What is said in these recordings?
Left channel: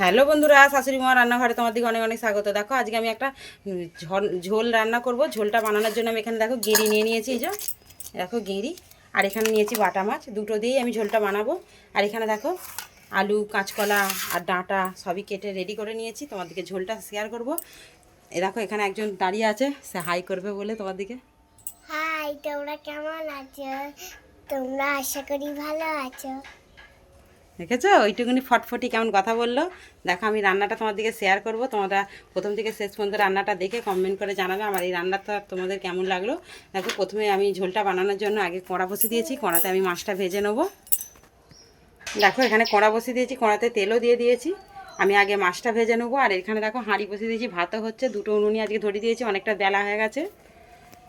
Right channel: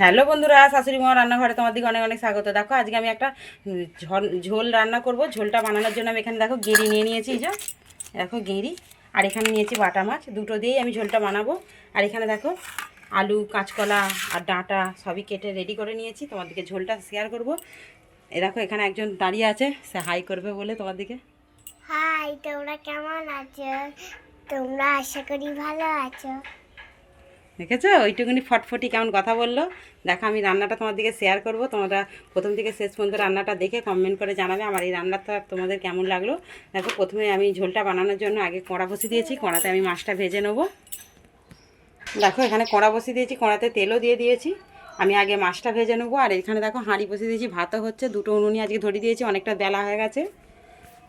Hello বন্ধুরা, শাশুড়ি মা রান্নাঘরে তোমার দিকে অনেক অনেক স্বাগত। দেখো আজকে আমি একটা ঝোল রান্না করব। ঝোলটা বানানোর জন্য আমি এখানে দেখো গেঁড়ি নিয়ে নিয়েছি। এই যে দেখো গেঁড়ি, আর এখানে নিয়েছি বাটা মাছ। দুটো দিয়েই আমি ঝোলটা বানাবো। আর এখানে দেখো আলু, কাঁচকলা আর ডাঁটা সবই কেটে রেডি করে নিয়েছি। তোমার দিকে ঝোলটা শেয়ার করব। এ দেখো এখানে একজন দাঁড়িয়ে আছে, সে হাই করবে বলে তোমার দিকে। হাই, তোমরা কেমন আছো? তোমরা আশা করি ভালো আছো। দেখেছো ওইটুকুনি ফটফটি কেমন কথা বললো। দেখো আমি রান্নাটা তোমার দিকে শেয়ার করব। তোমরা প্রথম থেকে শেষ পর্যন্ত রান্নাটা দেখে কমেন্ট করে জানাবে আমার এই রান্নাটা তোমাদের কেমন লাগলো। দেখো প্রথমে আমি ঝোলটা বানানোর জন্য আগে কড়া বসিয়ে দিয়েছি। কড়াতে আমি মাছটা ভেজে নেবো। দেখো এখানে কড়া বসিয়ে দিয়েছি, কড়াতে তেলও দিয়ে দিয়েছি। আমি আগে মাছটা ভেজে নেবো। আর এখানে দেখো হাঁড়ি বসিয়ে দিয়েছি, ভাতও হচ্ছে। দুটো উনুনি আজকে ধরিয়ে দিয়েছি, অনেকটা বেলা হয়ে গেছে।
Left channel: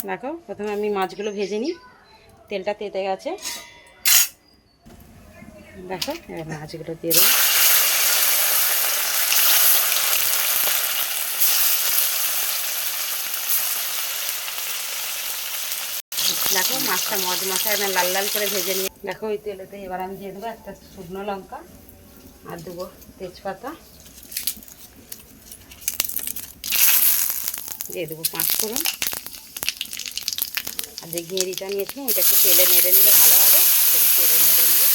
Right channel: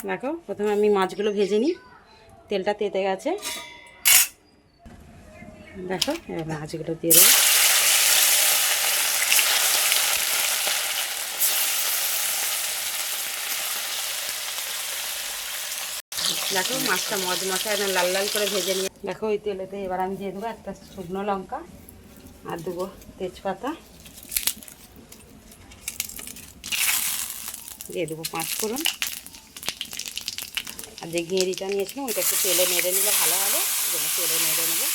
দেখো প্রথমে আমি মাছগুলো ভেজে নিই। তেলটা তেতে গেছে। দেখো এবার মাছগুলো দিয়ে দেবো। দেখো মাছটা মশায় লাল লাল করে ভেজে নিয়ে দেখো ওই তেলেতে এবার আমি দিয়ে দেবো একটা শুকনো লঙ্কা, আর দেবো তেজপাতা, দিয়ে দেবো 5 ফোড়ন। আর যে ঘেঁড়িটা নিয়েছিলাম ওইটা একটু তেলে নেড়ে নিলে ভালো হবে, যেন তেলে নেড়ে নেবো।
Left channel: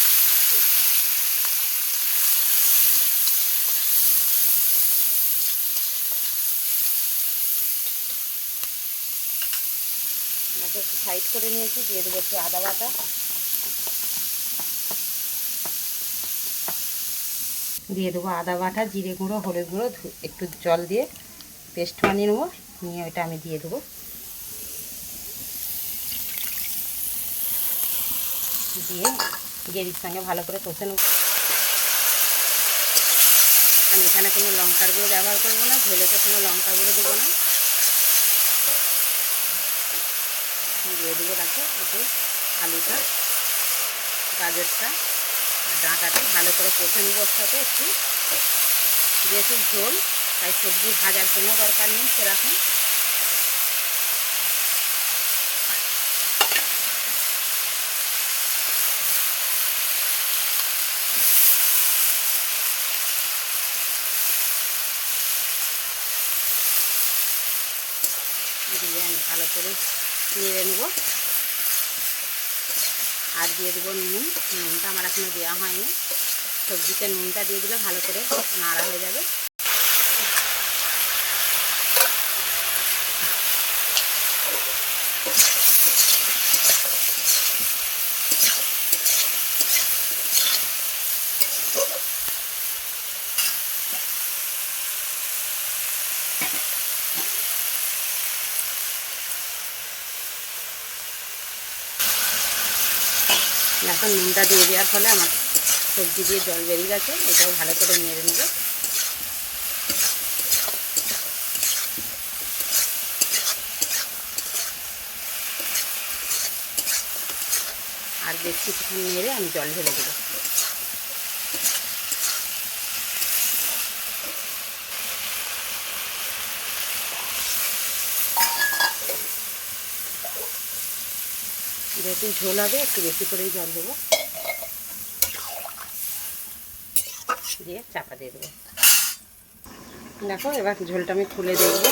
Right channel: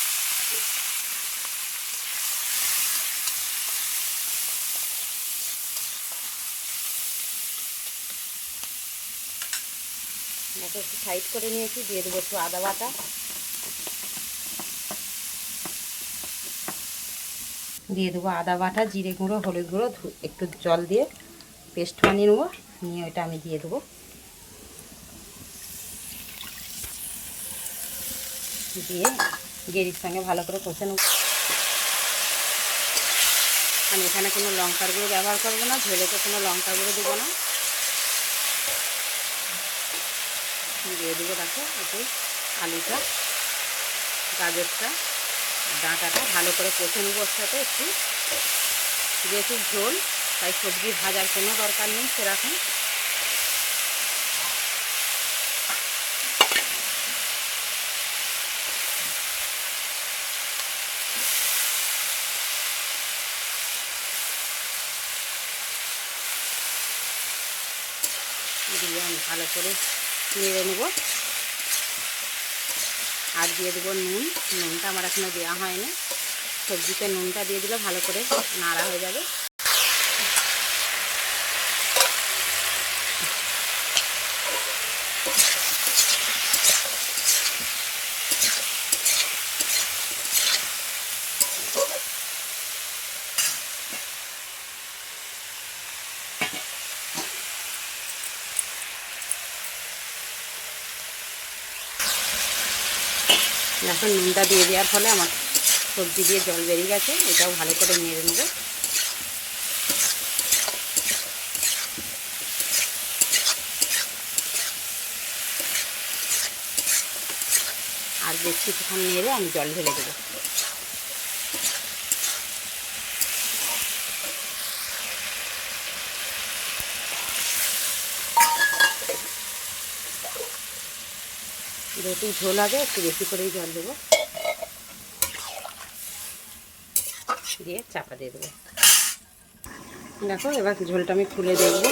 দেখো একটু সাইড করে নিয়েছি, দিয়ে দেবো একটু আদা বাটা, দিয়ে দেবো আদা বাটা, জিরে গুঁড়ো, হলুদ গুঁড়ো, একটু জল দিয়ে পেস্ট বানিয়ে নেবো। নিয়ে ওইটা আমি দিয়ে দেবো। দিয়ে গেঁড়ির সঙ্গে ভালো করে কষে নেব। আমি এখানে কোনো লঙ্কার গুঁড়ো ব্যবহার করবো না, ঝোলেতে কোনো লঙ্কার গুঁড়ো দেবো না। দিয়ে দেবো দেখো একটু আলুটা, গাজরটা, ডাঁটাটা ভালো করে কষে নেবো। ওর সাথে একটু যেহেতু ঝোল, তাই সবজি ভাজার কোনো দরকার নেই সেরকম। দিয়ে আমি ভালো করে নেড়ে নেবো। আর দিয়ে দেবো নুন। নুনটা আমার এখনো দেওয়া হয়নি। সবজিতে নুনটা দিয়ে দিলে ভালো করে নাড়া হয়ে যাবে। এখন নুনটা দিয়ে দেওয়ার ফলে আমার সবজি দিয়ে জল বেরিয়ে গেছে। এটাও ভালো করে নেড়ে নেবো। আর বেশ কিছুক্ষণ নেড়ে আমি জল ঢেলে দেবো। যেহেতু ঝোল হবে একটু বেশি করেই জল দেবো। দিয়ে চাপা দিয়ে দেবো। দেখো এবার ঝোলটা আমি খুলে দেখবো।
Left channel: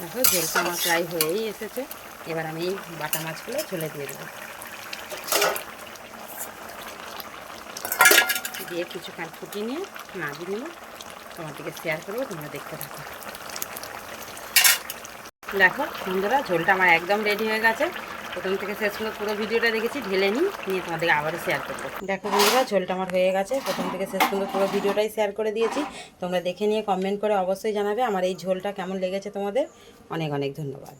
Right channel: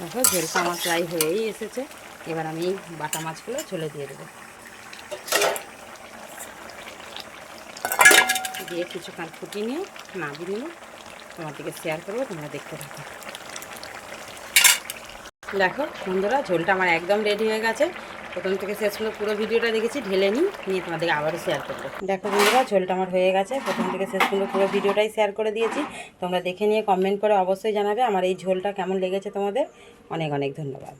দেখো ঝোলটা আমার প্রায় হয়েই এসেছে। এবার আমি এই বাটা মাছগুলো ঝোলে দিয়ে দেবো। দিয়ে কিছুক্ষণ ফুটিয়ে নিয়ে নামিয়ে নিয়ে তোমাদেরকে শেয়ার করবো, তোমরা দেখতে থাকো। দেখো বন্ধুরা ঝোলটা আমার একদম রেডি হয়ে গেছে। প্রথম থেকে শেষ পর্যন্ত পুরো ভিডিওটা দেখেছি, ঢেলে নিয়ে তোমাদেরকে আবারও শেয়ার করবো। দেখো বন্ধুরা ঝোলটা আমার হয়ে গেছে। প্রথম থেকে শেষ পর্যন্ত পুরো ভিডিওটাই শেয়ার করে দিয়েছি। তোমরা দেখে নিয়ে কমেন্ট করে অবশ্যই জানাবে আমার এই ঝোলটা কেমন লেগেছে তোমাদের। অনেক অনেক ধন্যবাদ।